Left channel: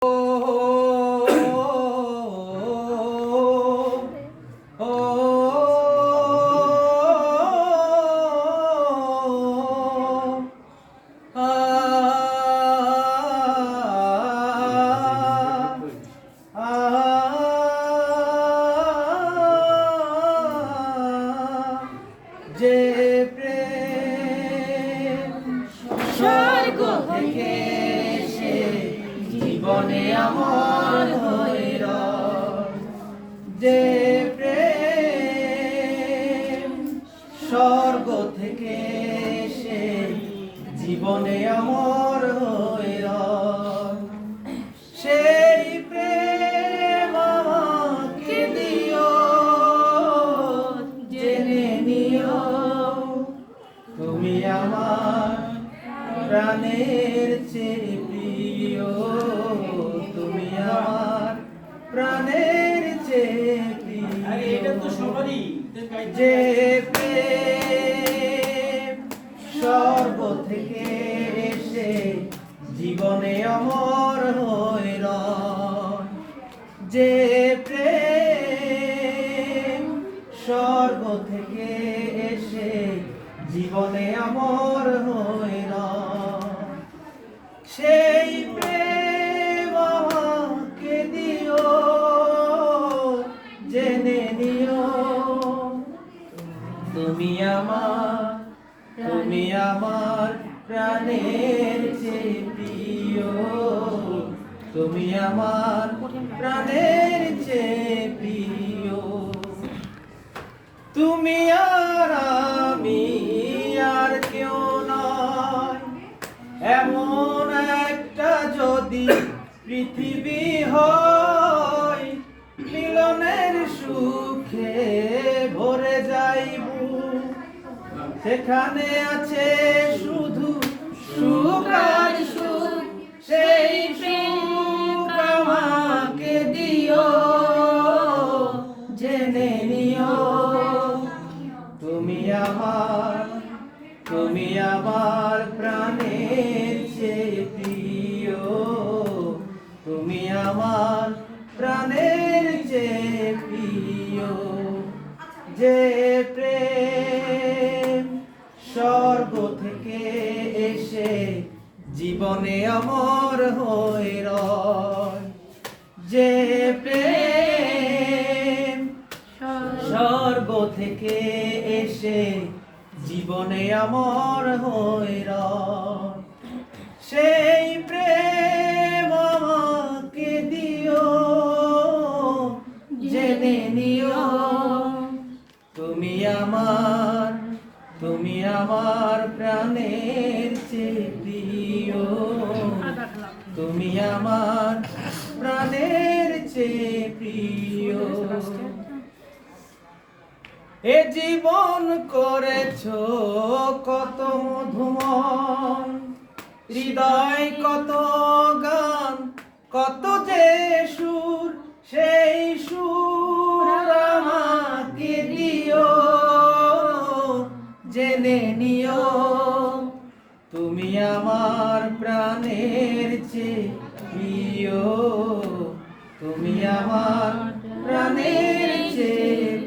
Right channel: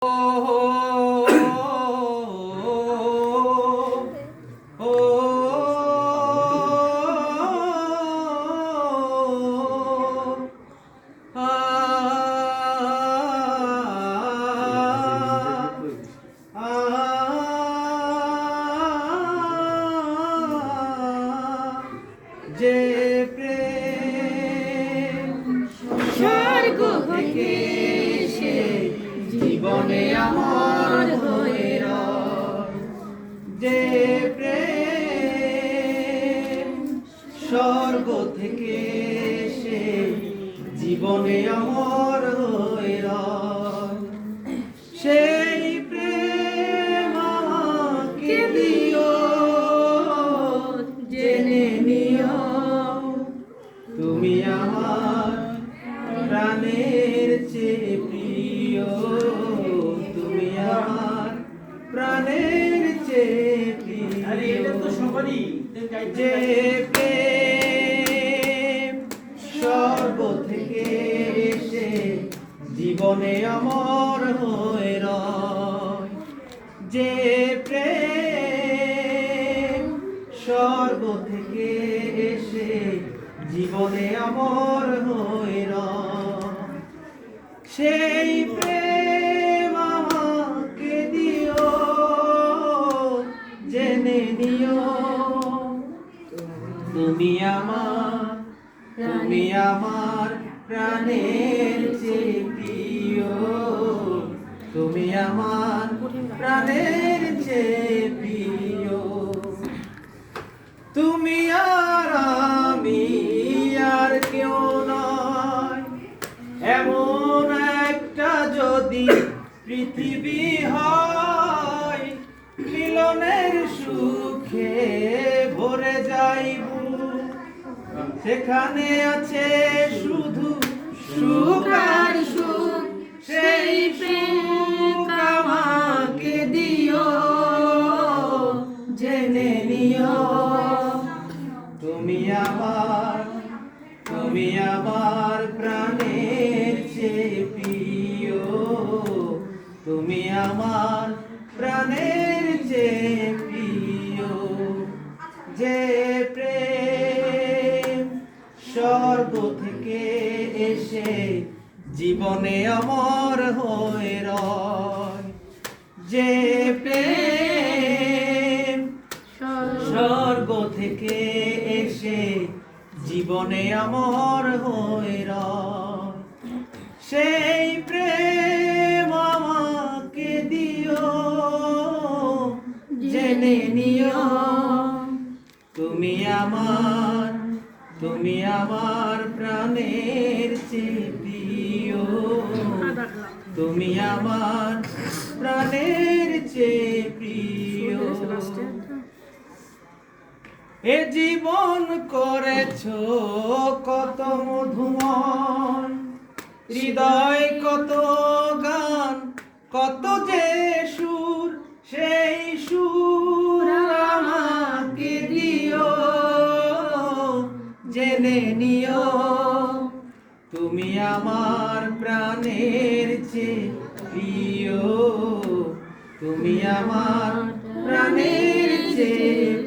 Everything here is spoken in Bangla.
যে প্রেম স্বর্গ থেকে এসে জীবনে আমার হয়ে রয়, যে প্রেম স্বর্গ থেকে এসে জীবনে আমার হয়ে রয়, সেই প্রেম আমাকে দিও, জেনে নিও তুমি আমার প্রাণের চেয়ে প্রিয়, তুমি আমার প্রাণের চেয়ে প্রিয়, যে প্রেম স্বর্গ থেকে এসে জীবনে আমার হয়ে রয়, যে প্রেম স্বর্গ থেকে এসে জীবনে আমার হয়ে রয়, সেই প্রেম আমাকে দিও, জেনে নিও তুমি আমার প্রাণের চেয়ে প্রিয়, তুমি আমার প্রাণের চেয়ে প্রিয়, তুমি আর আমি আর কেউ নয়, এমন একটা যদি পৃথিবী হয়, মিলনের সুখে ভরে যাইব, সেখানে আছে শুধু সুখ আর সুখ, সেই সুখ আমাকে দিও, জেনে নিও তুমি আমার প্রাণের চেয়ে প্রিয়, তুমি আমার প্রাণের চেয়ে প্রিয়, যে প্রেম স্বর্গ থেকে এসে জীবনে আমার হয়ে রয়, যে প্রেম স্বর্গ থেকে এসে জীবনে আমার হয়ে রয়, সেই প্রেম আমাকে দিও, জেনে নিও তুমি আমার প্রাণের চেয়ে প্রিয়, তুমি আমার প্রাণের চেয়ে প্রিয়, এ জীবন করেছো কত মধুময়, হৃদয় কত গান কত যে সুর, সেই সুর আমাকে দিও, জেনে নিও তুমি আমার প্রাণের চেয়ে প্রিয়, তুমি আমার প্রাণের চেয়ে